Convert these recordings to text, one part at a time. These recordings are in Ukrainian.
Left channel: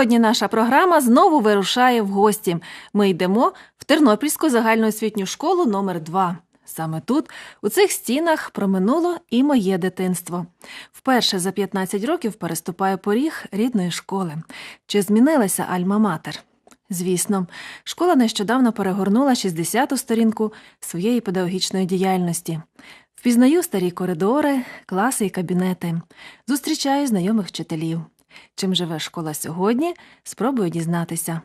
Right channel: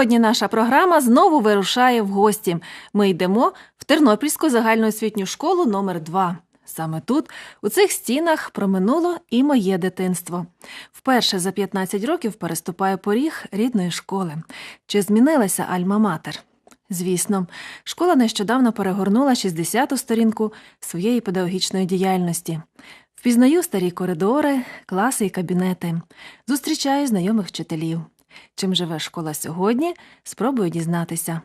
Сьогодні наша програма знову вирушає в гості. Ми йдемо в Тернопільську загальноосвітню школу номер 2 Саме тут, у цих стінах, проминуло і моє дитинство. Вперше за 15 років переступаю поріг рідної школи. Чи змінилася Альма-Матер? Звісно, школа нещодавно перегорнула 60-ту сторінку своєї педагогічної діяльності. Впізнаю старі коридори, класи і кабінети, зустрічаю знайомих вчителів. Чим живе школа сьогодні, спробую дізнатися.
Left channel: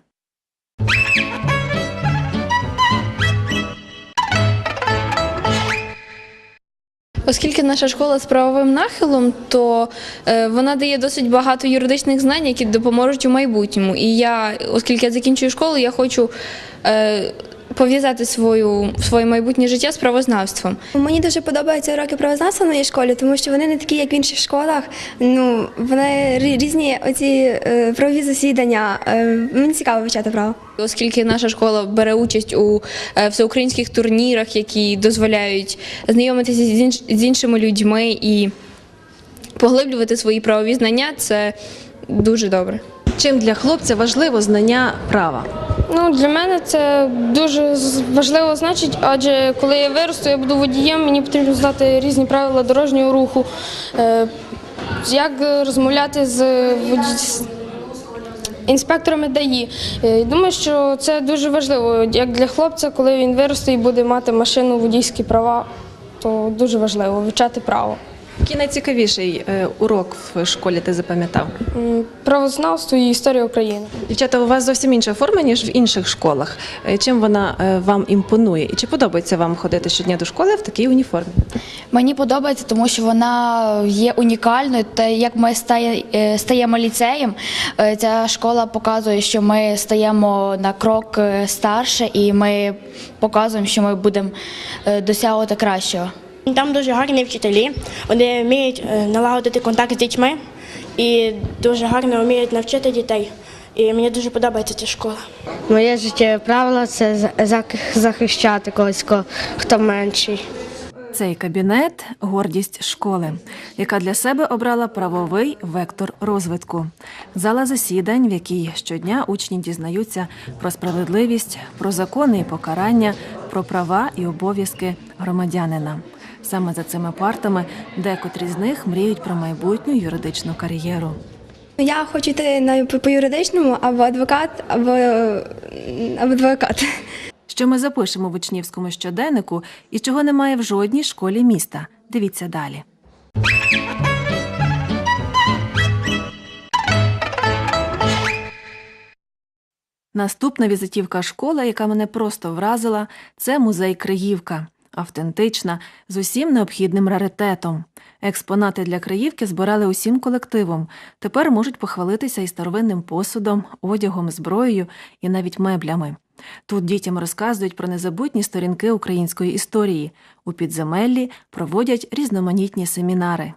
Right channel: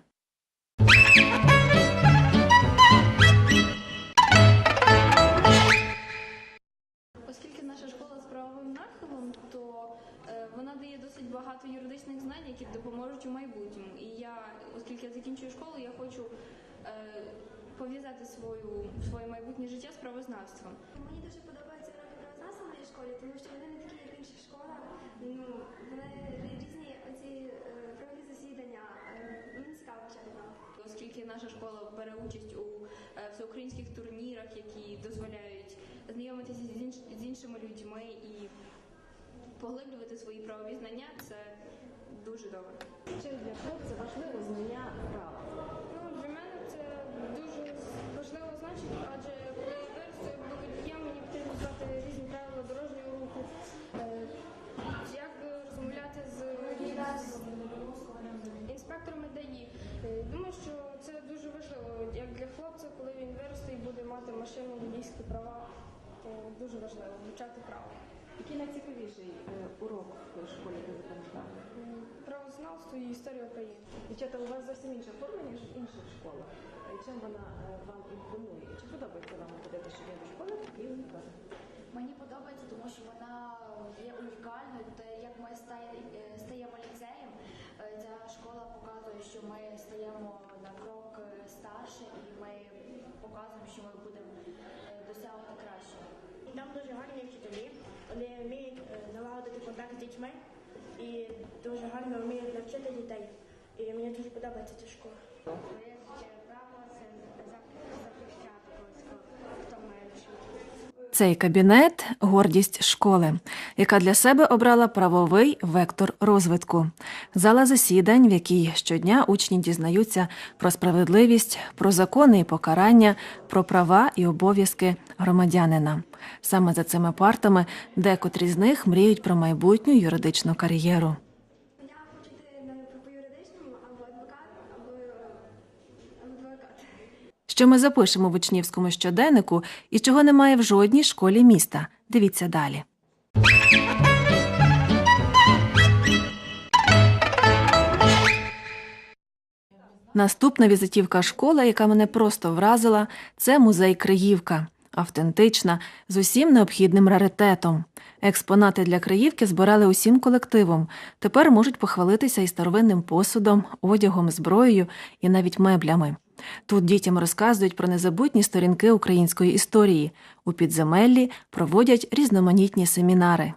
Оскільки наша школа з правовим нахилом, то е, вона дає досить багато юридичних знань, які допоможуть у майбутньому. І я, оскільки я закінчую школу, я хочу е, пов'язати свою, своє майбутнє життя з правознавством. Мені дуже подобаються уроки правознавства в моїй школі, тому що вони не такі, як в інших школах. Ну вони різні оці е, правові засідання. Е, мені цікаво вивчати право. Оскільки наша школа бере участь у е, всеукраїнських турнірах, які дозволяють знайомитися з іншими людьми і поглиблювати свої правові знання, це дуже добре. Чим для хлопця важливо знання права? Ну, для мене це дуже важливо значить, адже коли я виросту, я буду водієм, мені потрібно знати різні правила дорожнього руху, е, як розмовляти з інспекторами ДАІ. Е, Думаю, що це дуже важливо, як для хлопця, коли він виросте і буде мати машину, водійські права, то дуже важливо вивчати право. Який найцікавіший е, урок в школі ти запам'ятав? М, Правознавство і історія України. Дівчата, у вас зовсім інша форма, ніж в інших школах. Е, Чим вона е, вам імпонує? І чи подобається вам ходити щодня до школи в такій уніформі? Мені подобається, тому що вона є унікальною. Та як ми стає, е, стаємо ліцеєм, е, ця школа показує, що ми стаємо на крок е, старше, і ми показуємо, що ми будемо е, досягувати кращого. Там дуже гарні вчителі, вони вміють е, налагодити контакт з дітьми і дуже гарно вміють навчити дітей. І мені дуже подобається ця школа. Моє життєве правило це за- захищати когось, ко- хто менший. Цей кабінет гордість школи, яка для себе обрала правовий вектор розвитку. Зала засідань, в якій щодня учні дізнаються про справедливість, про закони і покарання, про права і обов'язки громадянина. Саме за цими партами декотрі з них мріють про майбутню юридичну кар'єру. Я хочу йти на по, юридичному або адвокат, або, або адвокат. Що ми запишемо в учнівському щоденнику і чого немає в жодній школі міста. Дивіться далі. Наступна візитівка школи, яка мене просто вразила, це музей Криївка. Автентична, з усім необхідним раритетом. Експонати для Криївки збирали усім колективом. Тепер можуть похвалитися і старовинним посудом, одягом, зброєю і навіть меблями. Тут дітям розказують про незабутні сторінки української історії. У підземеллі проводять різноманітні семінари.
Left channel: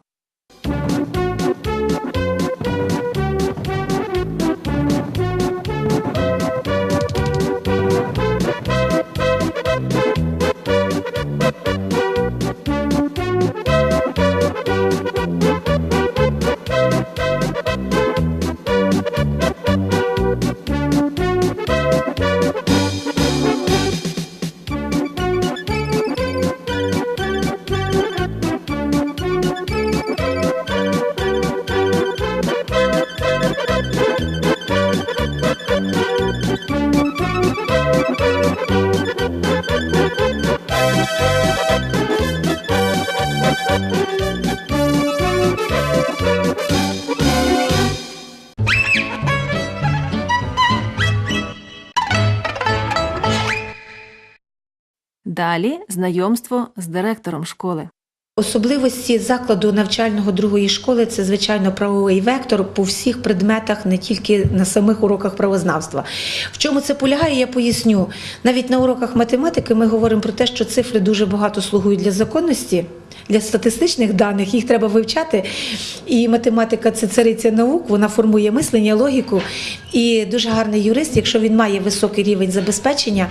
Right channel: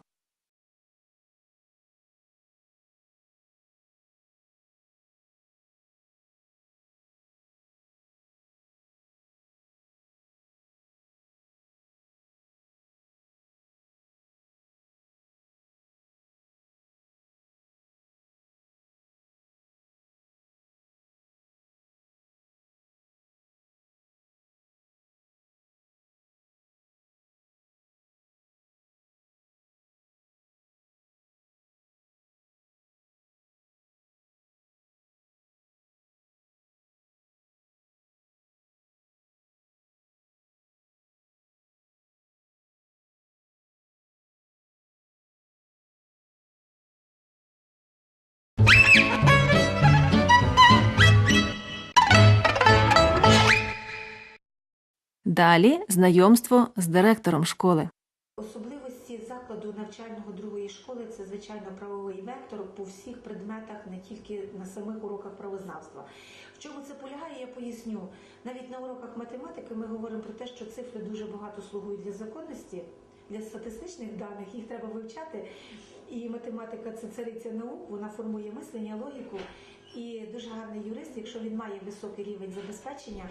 Далі знайомство з директором школи. Особливості закладу навчального другої школи це звичайно правовий вектор по всіх предметах, не тільки на самих уроках правознавства. В чому це полягає, я поясню. Навіть на уроках математики ми говоримо про те, що цифри дуже багато слугують для законності. Для статистичних даних, їх треба вивчати. І математика це цариця наук, вона формує мислення, логіку. І дуже гарний юрист, якщо він має високий рівень забезпечення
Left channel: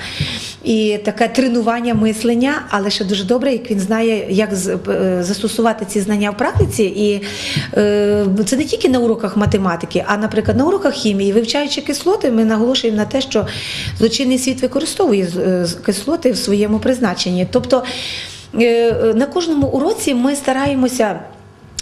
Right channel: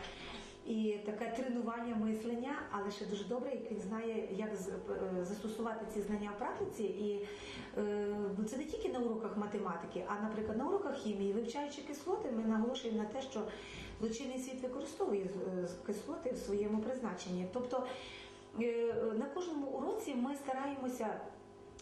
і таке тренування мислення, але ще дуже добре, як він знає, як е, застосувати ці знання в практиці. І е, це не тільки на уроках математики, а, наприклад, на уроках хімії, вивчаючи кислоти, ми наголошуємо на те, що злочинний світ використовує е, кислоти в своєму призначенні. Тобто на кожному уроці ми стараємося.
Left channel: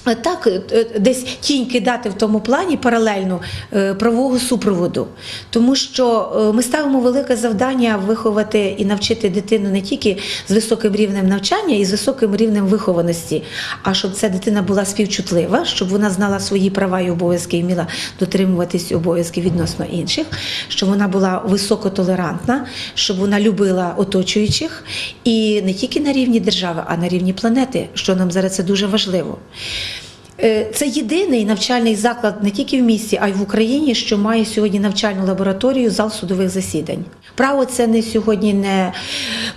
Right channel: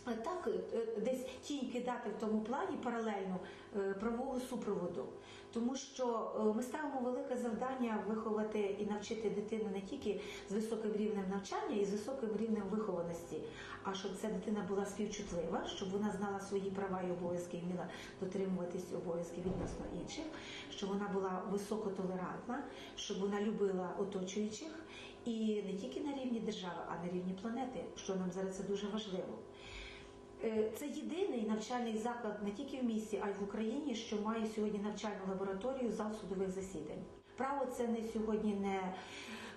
Е, Так, е, десь тінь кидати в тому плані паралельно е, правового супроводу, тому що е, ми ставимо велике завдання виховати і навчити дитину не тільки з високим рівнем навчання і з високим рівнем вихованості, а щоб ця дитина була співчутлива, щоб вона знала свої права і обов'язки і вміла дотримуватись обов'язків відносно інших, щоб вона була високотолерантна, щоб вона любила оточуючих і не тільки на рівні держави, а на рівні планети, що нам зараз це дуже важливо. Е, Це єдиний навчальний заклад не тільки в місті, а й в Україні, що має сьогодні навчальну лабораторію, зал судових засідань. Право це не сьогодні не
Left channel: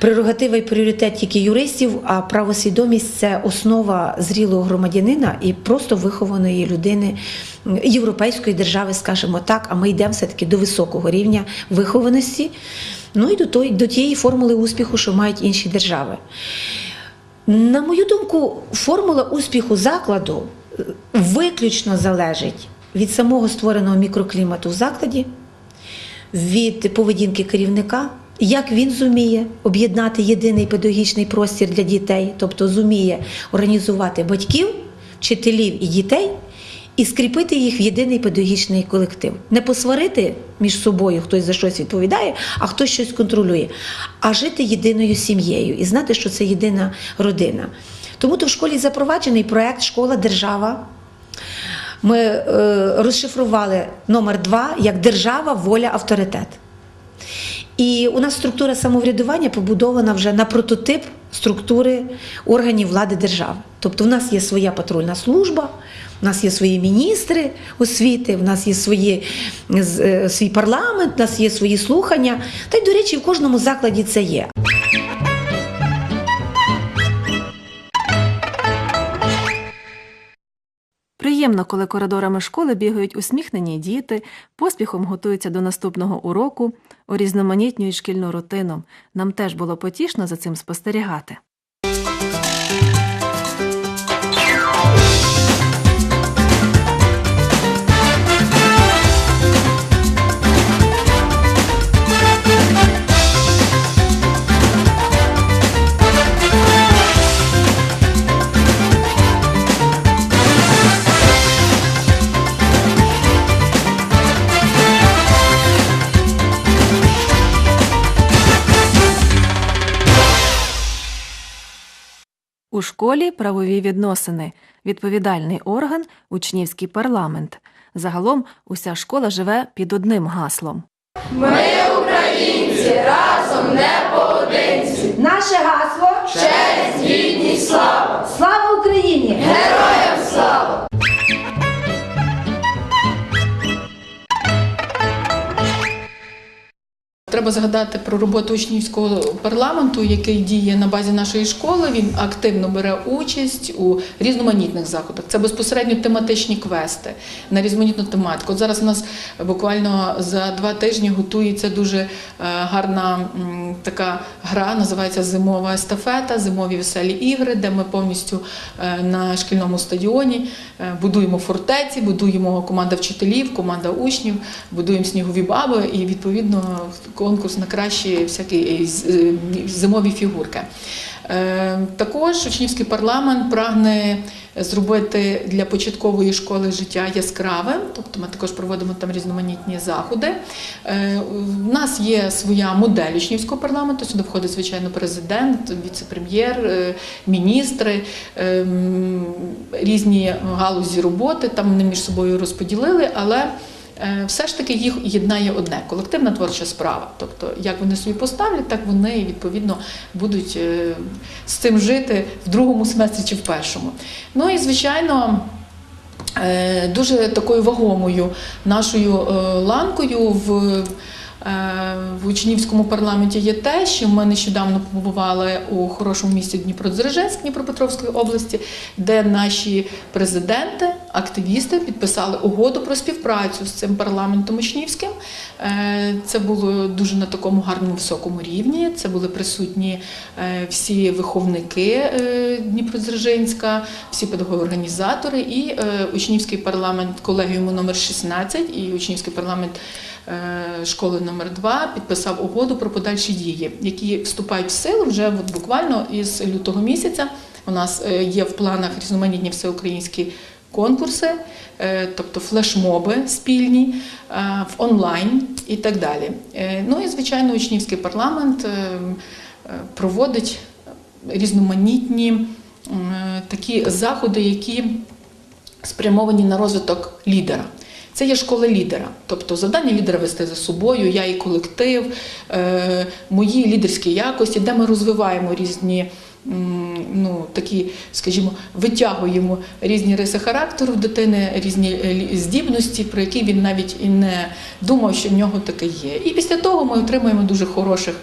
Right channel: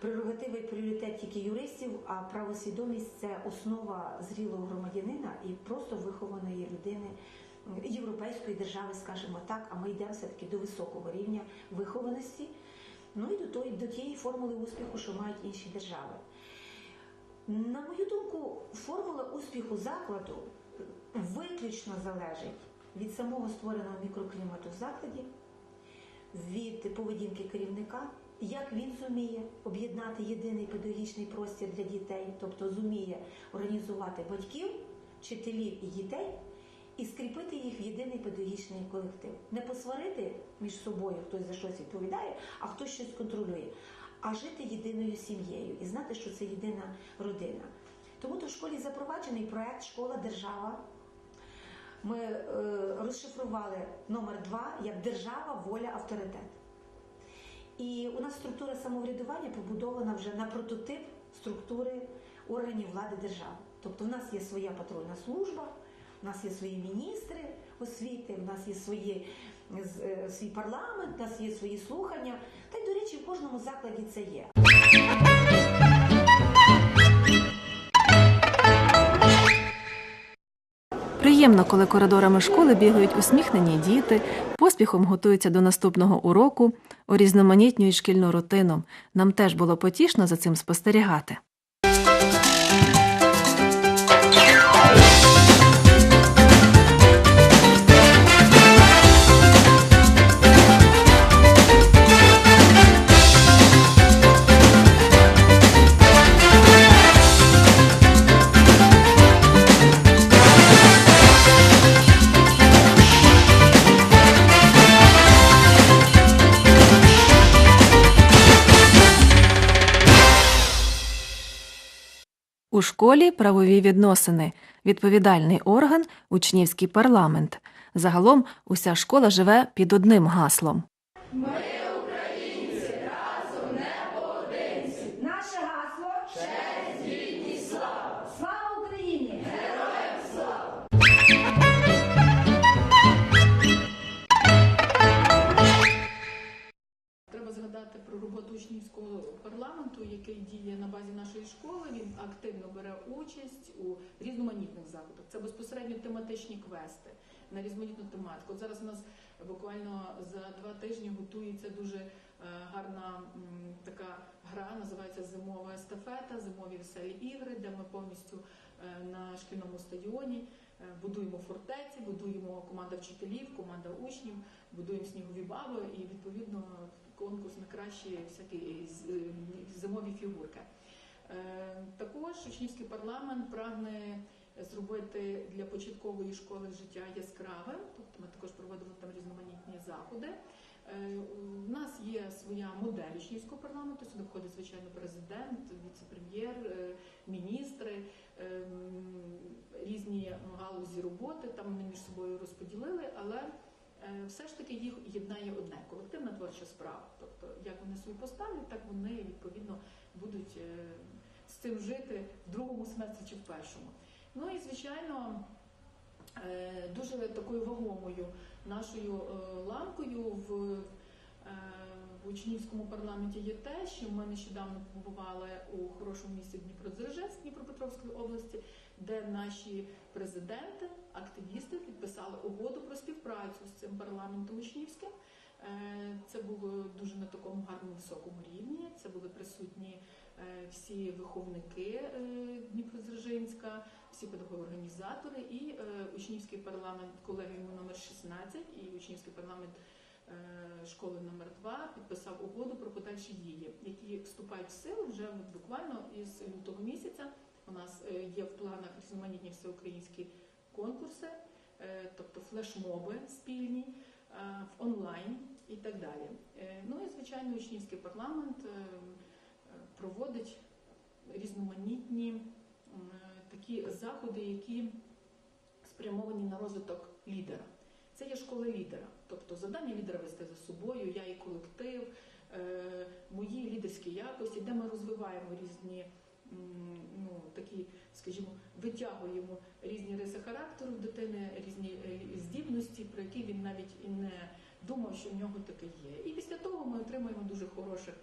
прерогатива і пріоритет тільки юристів, а правосвідомість це основа зрілого громадянина і просто вихованої людини європейської держави, скажімо так. А ми йдемо все-таки до високого рівня вихованості, ну і до, той, до тієї формули успіху, що мають інші держави. На мою думку, формула успіху закладу виключно залежить від самого створеного мікроклімату в закладі, від поведінки керівника, як він зуміє об'єднати єдиний педагогічний простір для дітей, тобто зуміє організувати батьків, вчителів і дітей. І скріпити їх в єдиний педагогічний колектив. Не посварити між собою, хтось за щось відповідає, а хтось щось контролює, а жити єдиною сім'єю і знати, що це єдина родина. Тому то в школі запроваджений проект Школа держава. Ми е, розшифрували номер два як держава, воля, авторитет. І у нас структура самоврядування побудована вже на прототип структури органів влади держави. Тобто, в нас є своя патрульна служба, у нас є свої міністри освіти, в нас є свої, е, свій парламент, у нас є свої слухання. Та й, до речі, в кожному закладі це є. Приємно, коли коридорами школи бігають усміхнені діти, поспіхом готуються до наступного уроку, урізноманітнюють шкільну рутину. Нам теж було потішно за цим спостерігати. У школі правові відносини, відповідальний орган, учнівський парламент. Загалом уся школа живе під одним гаслом. Наше Треба згадати про роботу учнівського парламенту, який діє на базі нашої школи. Він активно бере участь у різноманітних заходах. Це безпосередньо тематичні квести на різноманітну тематику. От зараз у нас буквально за два тижні готується дуже е, гарна така гра, називається Зимова естафета, зимові веселі ігри, де ми повністю е, на шкільному стадіоні е, будуємо фортеці, будуємо команда вчителів, команда учнів, будуємо снігові баби і відповідно конкурс на кращі всякі е, е, зимові фігурки. Е, Також учнівський парламент прагне зробити для початкової школи життя яскравим, тобто ми також проводимо там різноманітні заходи. У нас є своя модель учнівського парламенту. Сюди входить, звичайно, президент, віце-прем'єр, міністри, різні галузі роботи. Там вони між собою розподілили, але все ж таки їх єднає одне колективна творча справа. Тобто, як вони собі поставлять, так вони відповідно будуть е, з цим жити в другому семестрі чи в першому. Ну і звичайно. е, Дуже такою вагомою нашою е, ланкою в е, в учнівському парламенті є те, що ми нещодавно побували у хорошому місті Дніпродзержинськ Дніпропетровської області, де наші президенти, активісти підписали угоду про співпрацю з цим парламентом учнівським. Е, Це було дуже на такому гарному високому рівні. Це були присутні е, всі виховники е, Дніпродзержинська, всі педагоги-організатори і е, учнівський парламент колегіуму номер 16 і учнівський парламент е, школи номер 2 підписав угоду про подальші дії, які вступають в силу вже от буквально із лютого місяця. У нас е, є в планах різноманітні всеукраїнські конкурси, е, тобто флешмоби спільні е, в онлайн і так далі. Е, Ну і звичайно, учнівський парламент е, е, проводить різноманітні е, такі заходи, які спрямовані на розвиток лідера. Це є школа лідера, тобто завдання лідера вести за собою, я і колектив, е, мої лідерські якості, де ми розвиваємо різні. Ну, такі, скажімо, витягуємо різні риси характеру дитини, різні е, здібності, про які він навіть і не думав, що в нього таке є. І після того ми отримуємо дуже хороших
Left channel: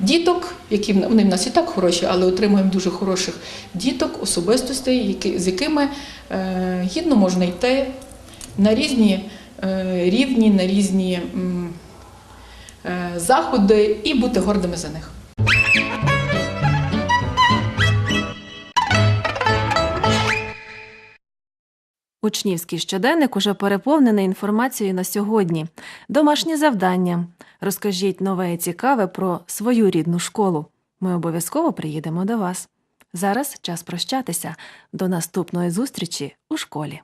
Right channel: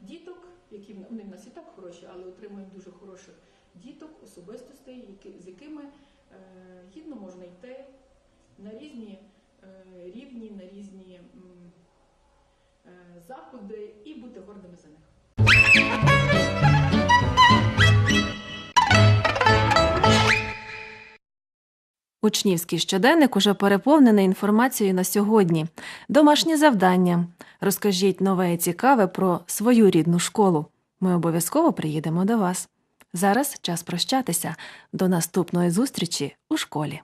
діток, які вони в нас і так хороші, але отримуємо дуже хороших діток, особистостей, які, з якими е, гідно можна йти на різні е, рівні, на різні е, заходи і бути гордими за них. Учнівський щоденник уже переповнений інформацією на сьогодні. Домашнє завдання. Розкажіть нове і цікаве про свою рідну школу. Ми обов'язково приїдемо до вас. Зараз час прощатися. До наступної зустрічі у школі.